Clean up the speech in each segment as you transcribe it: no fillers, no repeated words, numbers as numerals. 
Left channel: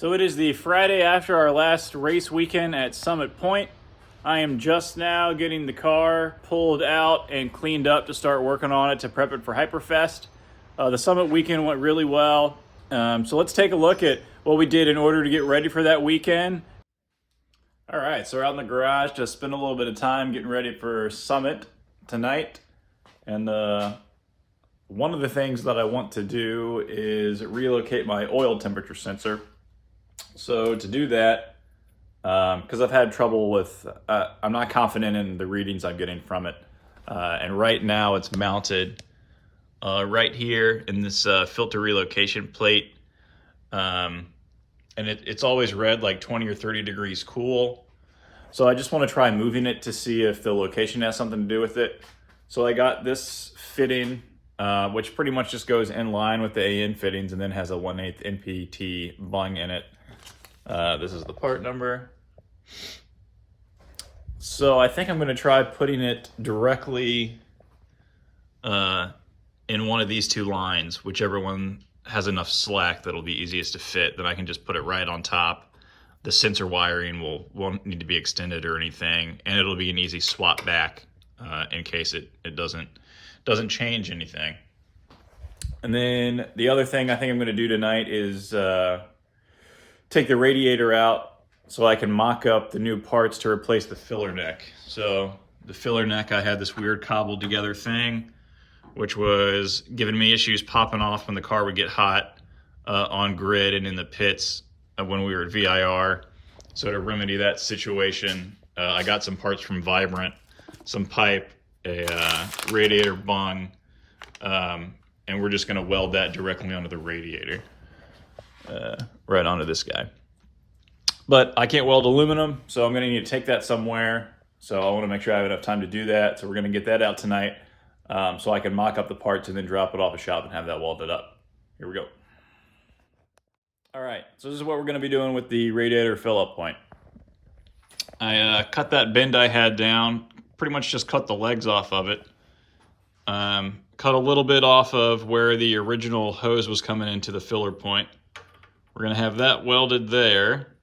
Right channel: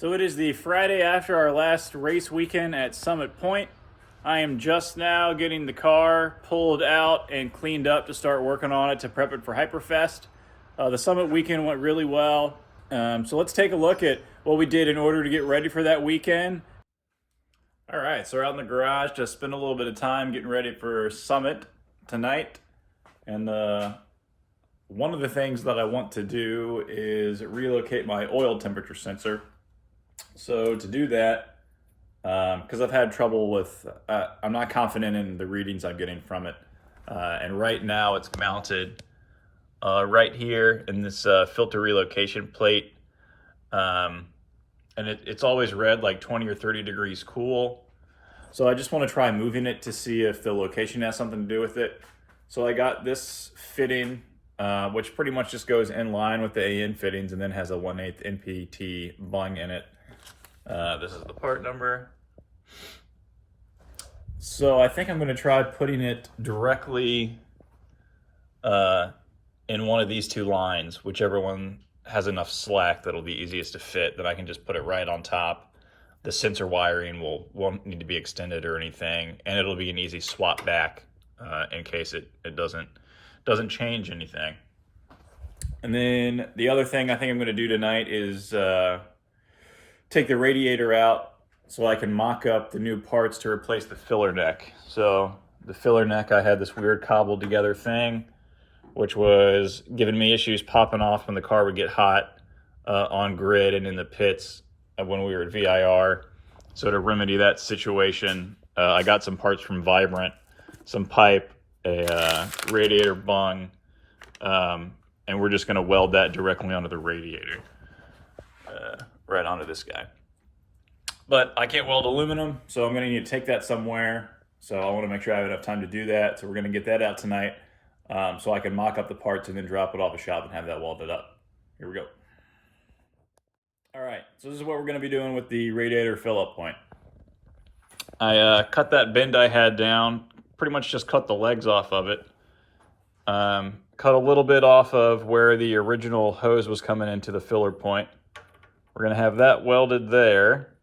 So it is the Friday after our last race weekend at Summit Point. I am just now getting the car pulled out and cleaned up to start working on it to prep it for Hyperfest. The Summit weekend went really well. So let's take a look at what we did in order to get ready for that weekend. All right, so we're out in the garage to spend a little bit of time getting ready for Summit tonight. And one of the things that I want to do is relocate my oil temperature sensor. So to do that, because I've had trouble with, I'm not confident in the readings I'm getting from it. And right now it's mounted right here in this filter relocation plate. And it's always read like 20 or 30 degrees cool. So I just want to try moving it to see if the location has something to do with it. So I got this fitting, which pretty much just goes in line with the AN fittings and then has a 1/8 NPT bung in it. This is the part number. So I think I'm going to try putting it directly in one of these two lines, whichever one has enough slack that'll be easiest to fit. Then I can just put it right on top. The sensor wiring won't need to be extended or anything, and it'll be an easy swap back in case it doesn't change anything. And then the other thing I think I'm going to do tonight is take the radiator out so I can mock up the new parts to replace the filler neck. So the filler neck, I had this weird cobbled together thing, which was giving me issues popping off when the car would get hot on grid and in the pits when we were at VIR. So to remedy that situation, I got some parts from Vibrant, some pipe, a radiator bung, and we're just gonna weld that directly onto the radiator. Right onto this guy. But I can't weld aluminum, so I'm gonna need to take that somewhere. So I wanna make sure I have enough time to do that. So we're gonna get that out tonight so I can mock up the parts and then drop it off a shop and have that welded up. Here we go. All right, so this is what we're gonna be doing with the radiator fill-up point. I cut that bend I had down, pretty much just cut the legs off of it. Cut a little bit off of where the original hose was coming into the filler point. We're gonna have that welded there.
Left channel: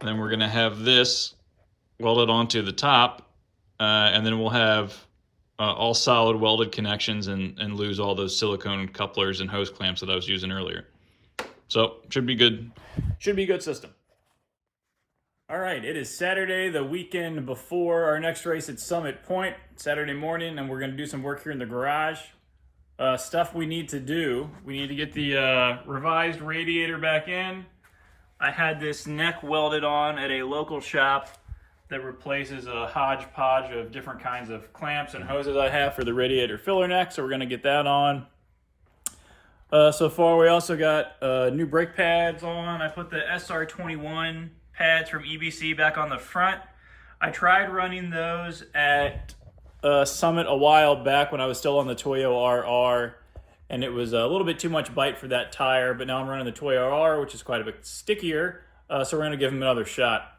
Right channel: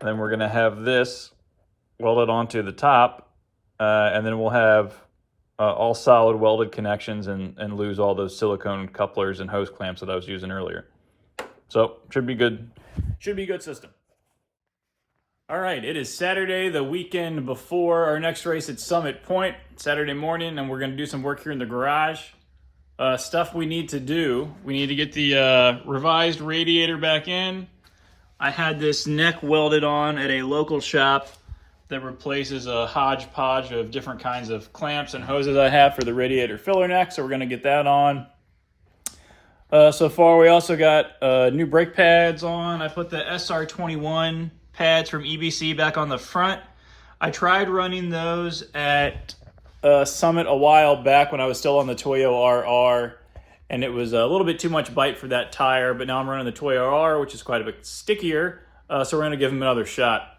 Then we're gonna have this welded onto the top. And then we'll have all solid welded connections and lose all those silicone couplers and hose clamps that I was using earlier. So should be good. Should be a good system. All right, it is Saturday, the weekend before our next race at Summit Point, Saturday morning, and we're gonna do some work here in the garage. Stuff we need to do. We need to get the revised radiator back in. I had this neck welded on at a local shop that replaces a hodgepodge of different kinds of clamps and hoses I have for the radiator filler neck, so we're gonna get that on. So far, we also got new brake pads on. I put the SR21 pads from EBC back on the front. I tried running those at Summit a while back when I was still on the Toyo RR, and it was a little bit too much bite for that tire, but now I'm running the Toyo RR, which is quite a bit stickier, so we're gonna give them another shot.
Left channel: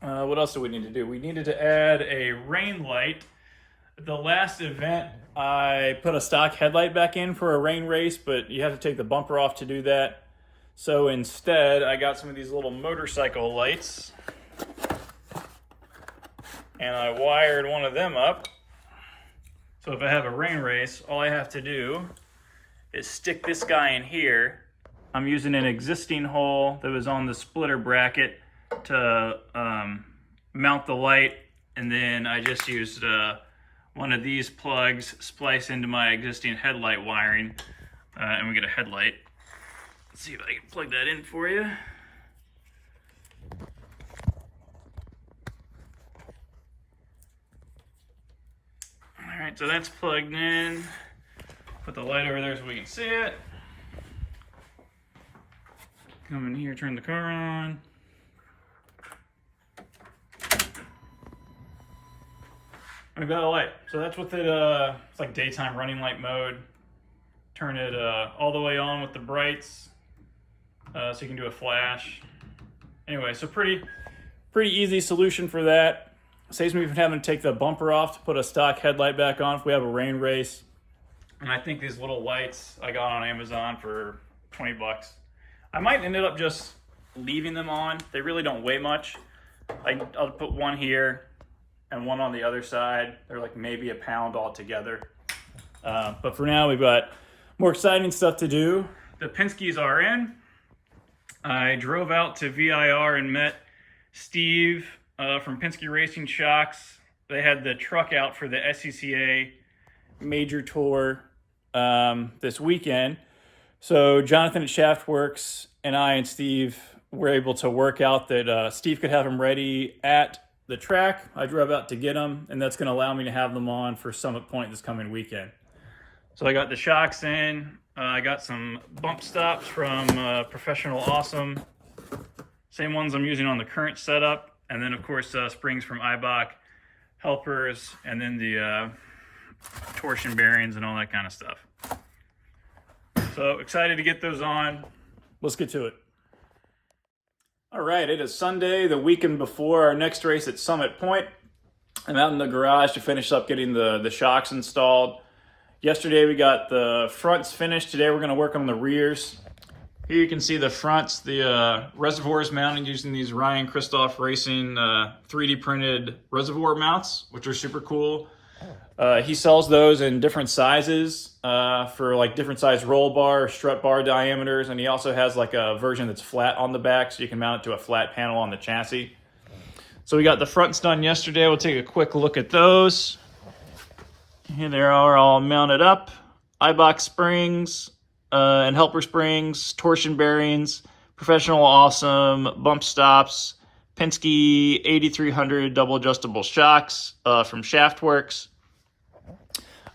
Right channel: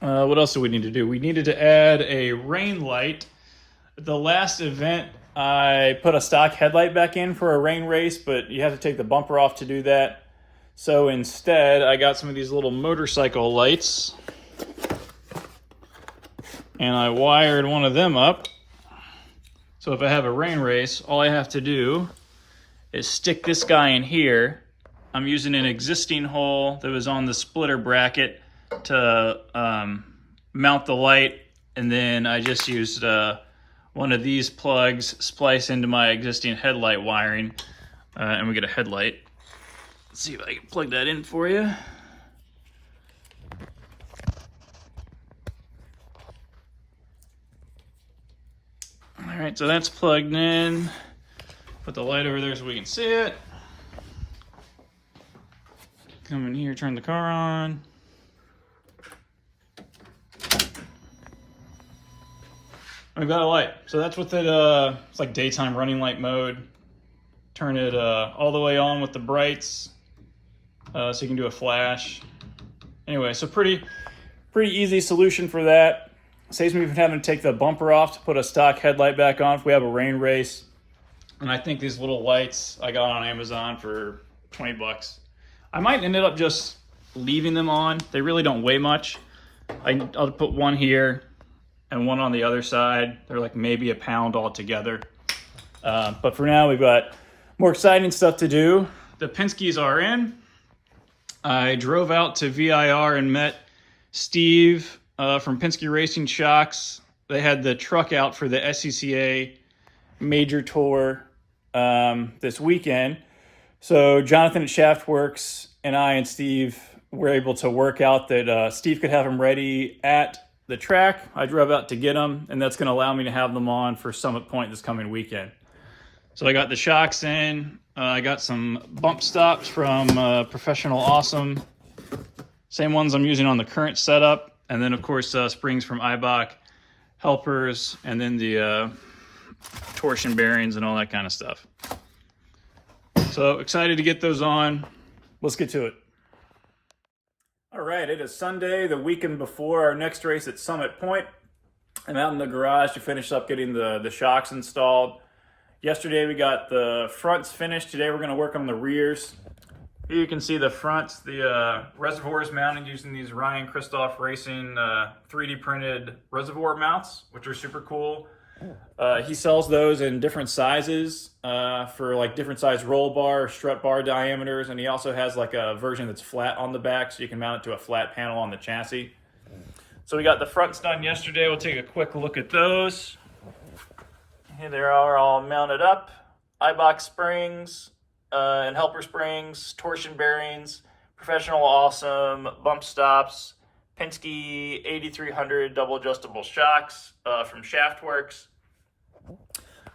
What else do we need to do? We needed to add a rain light. At the last event, I put a stock headlight back in for a rain race, but you have to take the bumper off to do that. So instead, I got some of these little motorcycle lights, and I wired one of them up. So if I have a rain race, all I have to do is stick this guy in here. I'm using an existing hole that was on the splitter bracket to mount the light, and then I just used one of these plugs spliced into my existing headlight wiring, and we get a headlight. Let's see if I can plug that in for you. All right, so that's plugged in. Put the light over there so we can see it. Come in here, turn the car on. We've got a light. So that's with it, it's like daytime running light mode. Turn it all the way on with the brights so you can do a flash. Anyway, so pretty easy solution for that. Saves me from having to take the bumper off to put a stock headlight back on if we have a rain race. And I think these little lights I got on Amazon for 20 bucks. I might end up just leaving them on. They really don't weigh much. I'll put one here and one on the other side. They're like maybe a pound altogether. But for now, we've got more exciting stuff to do. The Penskes are in. I drove out to VIR and met Steve from Penske Racing Shocks. They had the truck out for the SCCA Major Tour this weekend. So Jonathan at Shaftworks and I and Steve were able to work out that Steve could have them ready at the track. I drove out to get them, and that's going to allow me to have them on for Summit Point this coming weekend. So I got the shocks in. I got some bump stops from Professional Awesome. Same ones I'm using on the current setup. And then, of course, springs from Eibach, helpers, and then the torsion bearings and all that kind of stuff. So excited to get those on. Let's get to it. All right, it is Sunday, the weekend before our next race at Summit Point. I'm out in the garage to finish up getting the shocks installed. Yesterday we got the fronts finished. Today we're going to work on the rears. Here you can see the fronts. The reservoir is mounted using these Ryan Christoph Racing 3D printed reservoir mounts, which are super cool. He sells those in different sizes for like different size roll bar, strut bar diameters, and he also has like a version that's flat on the back, so you can mount it to a flat panel on the chassis. So we got the fronts done yesterday. We'll take a quick look at those. Here they are all mounted up. Eibach springs and helper springs, torsion bearings, Professional Awesome bump stops, Penske 8300 double adjustable shocks from Shaftworks.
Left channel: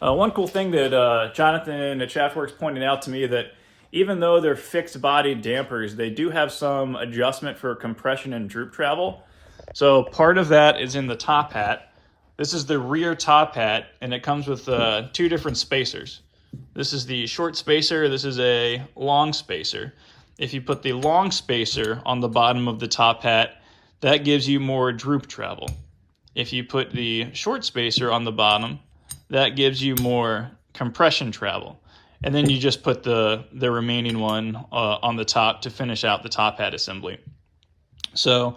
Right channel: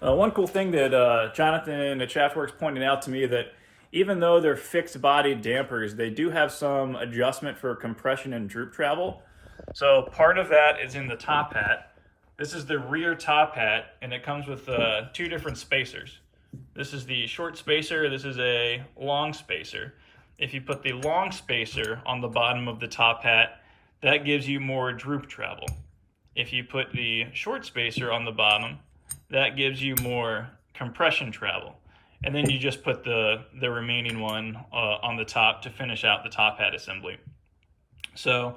One cool thing that Jonathan at Shaftworks pointed out to me that even though they're fixed body dampers, they do have some adjustment for compression and droop travel. So part of that is in the top hat. This is the rear top hat, and it comes with two different spacers. This is the short spacer, this is a long spacer. If you put the long spacer on the bottom of the top hat, that gives you more droop travel. If you put the short spacer on the bottom, that gives you more compression travel. And then you just put the remaining one on the top to finish out the top hat assembly. So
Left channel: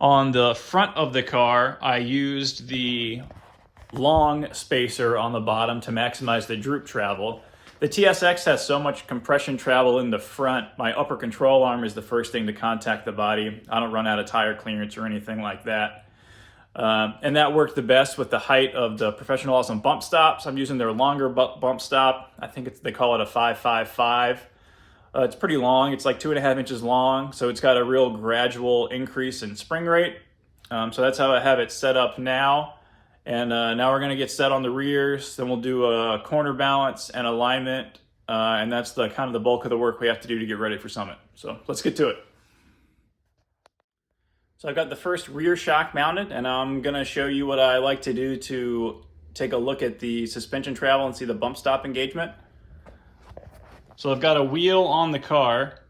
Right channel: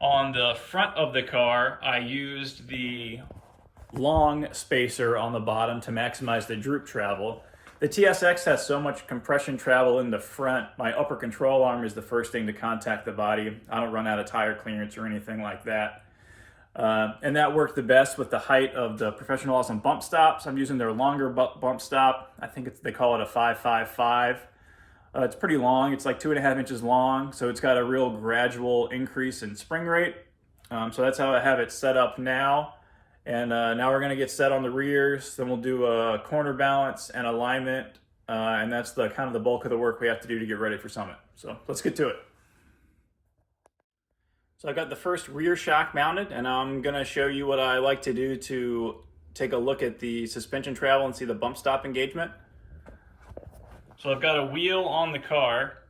on the front of the car, I used the long spacer on the bottom to maximize the droop travel. The TSX has so much compression travel in the front. My upper control arm is the first thing to contact the body. I don't run out of tire clearance or anything like that. And that worked the best with the height of the Professional Awesome bump stops. I'm using their longer bump stop. I think they call it a 555. It's pretty long. It's like 2.5 inches long. So it's got a real gradual increase in spring rate. So that's how I have it set up now. And now we're going to get set on the rears. Then we'll do a corner balance and alignment. And that's the kind of the bulk of the work we have to do to get ready for Summit. So let's get to it. So I've got the first rear shock mounted, and I'm going to show you what I like to do to take a look at the suspension travel and see the bump stop engagement. So I've got a wheel on the car,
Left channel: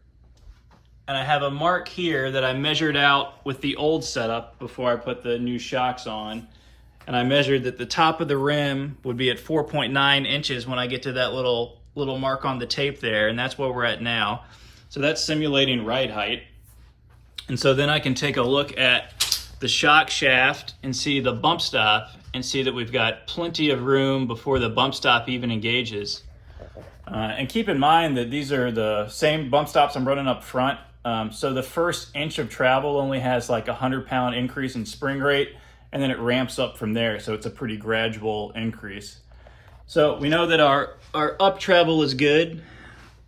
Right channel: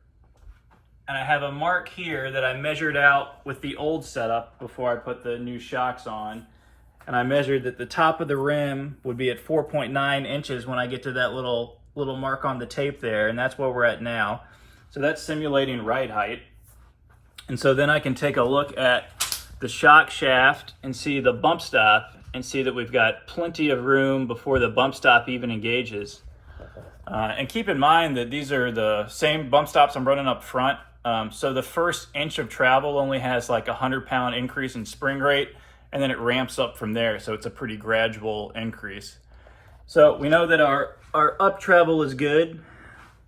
and I have a mark here that I measured out with the old setup before I put the new shocks on. And I measured that the top of the rim would be at 4.9 inches when I get to that little mark on the tape there, and that's where we're at now. So that's simulating ride height. And so then I can take a look at the shock shaft and see the bump stop and see that we've got plenty of room before the bump stop even engages. And keep in mind that these are the same bump stops I'm running up front. So the first inch of travel only has like a 100-pound increase in spring rate, and then it ramps up from there. So it's a pretty gradual increase. So we know that our up travel is good,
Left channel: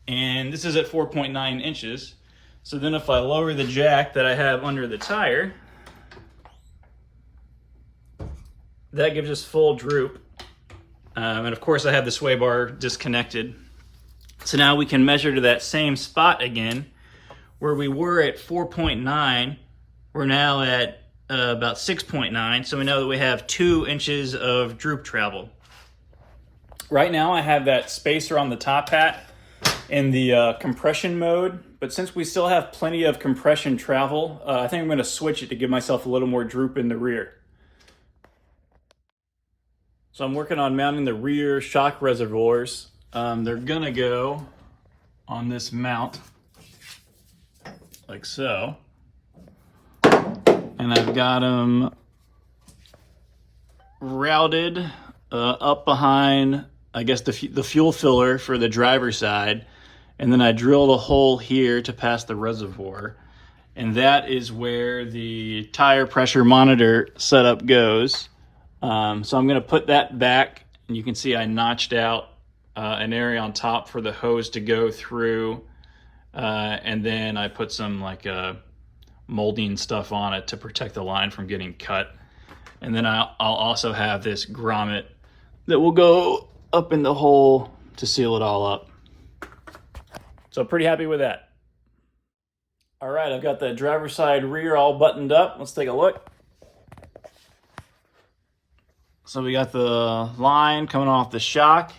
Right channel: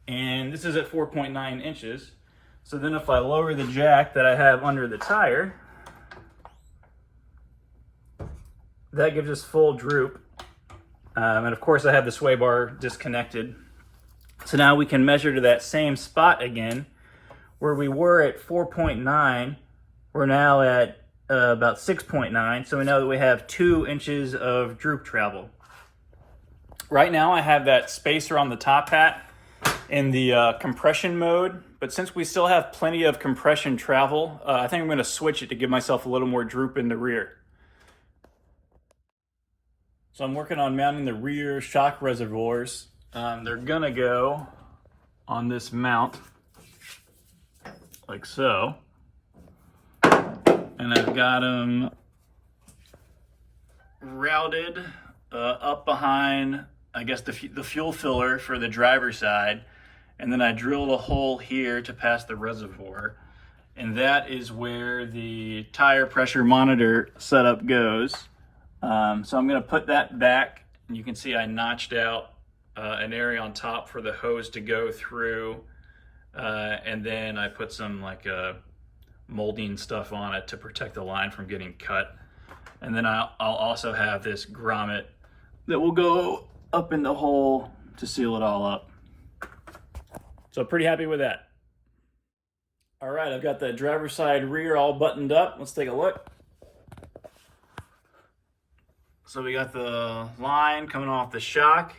and this is at 4.9 inches. So then if I lower the jack that I have under the tire, that gives us full droop. And of course I have the sway bar disconnected. So now we can measure to that same spot again. Where we were at 4.9, we're now at about 6.9. So we know that we have 2 inches of droop travel. Right now I have that spacer on the top hat in the compression mode, but since we still have plenty of compression travel, I think I'm going to switch it to give myself a little more droop in the rear. So I'm working on mounting the rear shock reservoirs. They're going to go on this mount like so. And I've got them routed up behind, I guess, the fuel filler for the driver's side. And then I drilled a hole here to pass the reservoir. And that is where the tire pressure monitor setup goes. So I'm gonna put that back, and you can see I notched out an area on top for the hose to go through. And then I put some like molding stuff on it to protect the line from getting cut. And then I'll also have this grommet that will go up in the hole to seal it all up. So pretty happy with that. All right, I've got the driver's side rear all buttoned up. Let's take a look. So we got the line coming off the shock.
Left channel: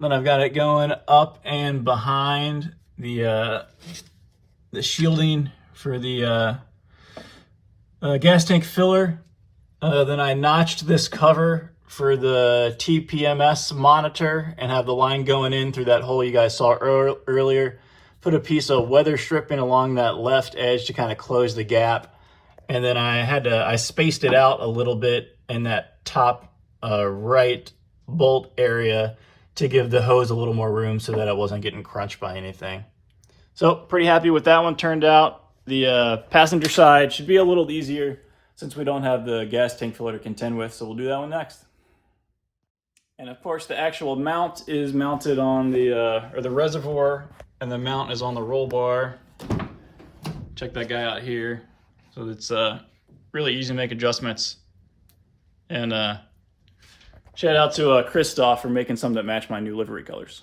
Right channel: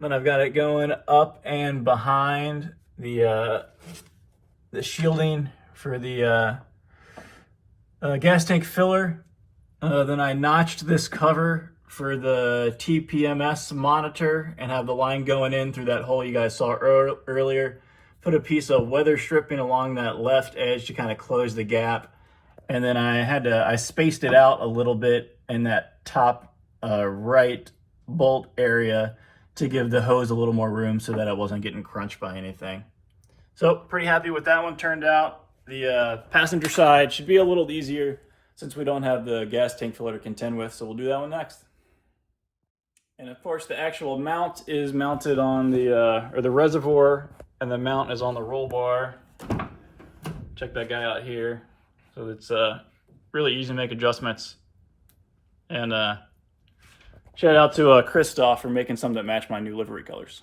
Then I've got it going up and behind the shielding for the gas tank filler. Then I notched this cover for the TPMS monitor and have the line going in through that hole you guys saw earlier. Put a piece of weather stripping along that left edge to kind of close the gap. And then I spaced it out a little bit in that top right bolt area to give the hose a little more room so that it wasn't getting crunched by anything. So pretty happy with that one turned out. The passenger side should be a little easier since we don't have the gas tank filler to contend with, so we'll do that one next. And of course the actual mount is mounted on the reservoir, and the mount is on the roll bar. Check that guy out here. So it's really easy to make adjustments. And shout out to Christoph for making some that match my new livery colors.